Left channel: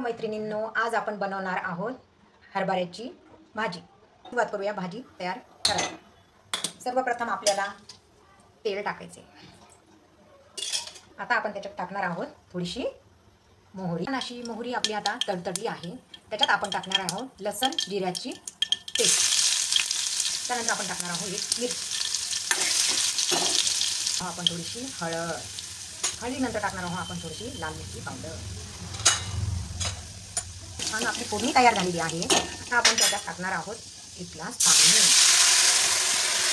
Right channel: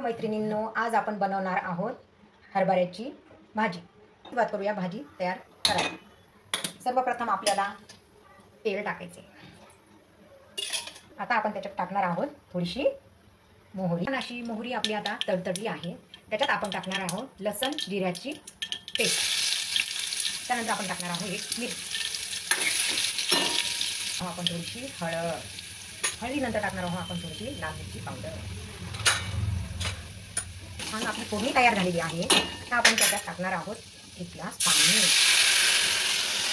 मैत्रिणींनो, आज आपण बनवणार आहोत हरभऱ्याची भाजी। सुरुवात करूया भाजी तयार करायला। सर्वप्रथम आपल्याला तेल टाकायचे। आता आपण त्याच्यात टाकणार आहोत थोडीशी मोहरी। अशी मोहरी आपली आता तडतडली आहे। त्याच्यात आपण टाकणार आहोत लसूण जिऱ्याची पेस्ट। त्यानंतर आपण टाकणार आहोत एक मिरची। आपण थोडीशी हळदीनंतर टाकणार आहोत आपण थोडीशी लाल मिरची पावडर। आणि आपली फोडणी तयार झालेली आहे। आता आपण त्याच्यात टाकणार आहोत एक ग्लास पाणी।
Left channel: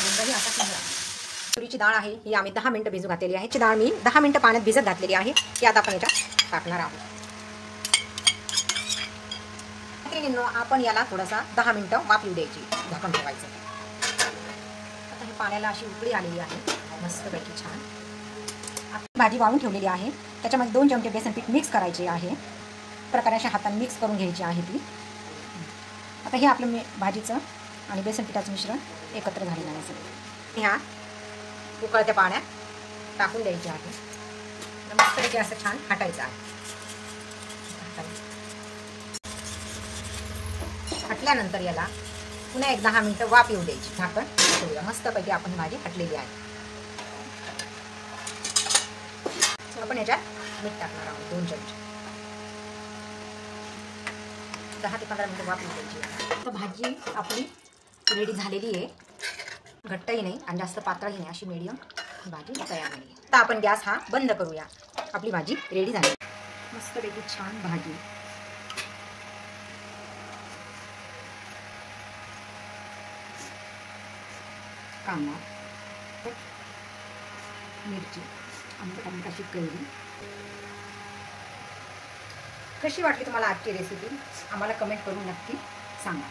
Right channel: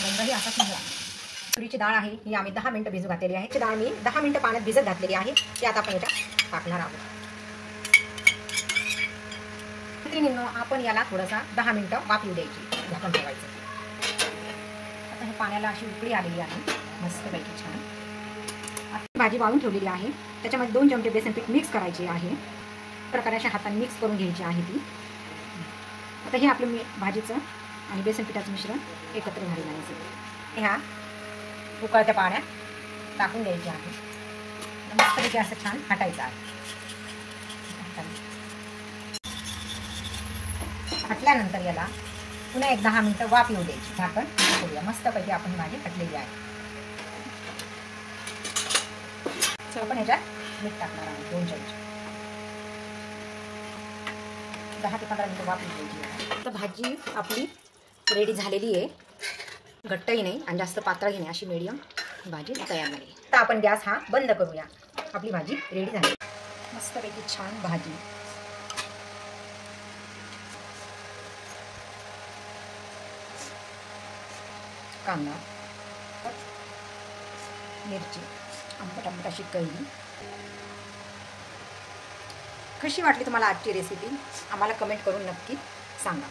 गंधही असा सुंदर। तुरीची डाळ आहे ही आम्ही 10 मिनिटं भिजू घातलेली आहे। ची डाळ मी 10 मिनिटं पाण्यात भिजत घातलेली आहे। ती आता आपण याच्यात टाकणार आहोत। मैत्रिणींनो, आपण याला थोडासा 10 मिनिटं वाफ येऊ द्यायची, झाकण ठेवायचं। आता हे पाण्याला अशी उकळी आलेली आहे मस्तपैकी छान। भाजी वाळून ठेवलेली आहे। त्याच्यामध्ये 2 चमचे बेसन पीठ मिक्स करायचे आहे। प्रकारे अशा हाताने मिक्स करून घ्यायची आहे ती। आता हे आपलं भाजीचं आणि बेसन पिठाचं मिश्रण एकत्र झालेलं आहे सगळं। ह्या उकळत्या पाण्यात टाकून द्यायचे आहे। मस्तपैकी असं छान हटायचं आहे। हटल्यानंतर याला पुन्हा एक 10 मिनिटं वाफ येऊ द्यायची। झाकण ठेवूया। मस्तपैकी आपण भाजी हटलेली आहे। आपण याच्यात मीठ टाकणार आहोत 2 चमचे। 10 ते 15 मिनिटं वाफ येऊ द्यायची। आता भाजी आपली रेडी झालेली आहे। घट्टही नाही आणि जास्त पातळही नाही, अशी मीडियम भाजी तयार झाली। आता आपण गॅस हा बंद करूया। आपली भाजी रेडी झाली। मस्तपैकी छान भाजी। कांदा, मिरची, आंबट अशी कैरी। कशी वाटली तुम्हाला आजची रेसिपी? आम्हाला कमेंट करून नक्की सांगा।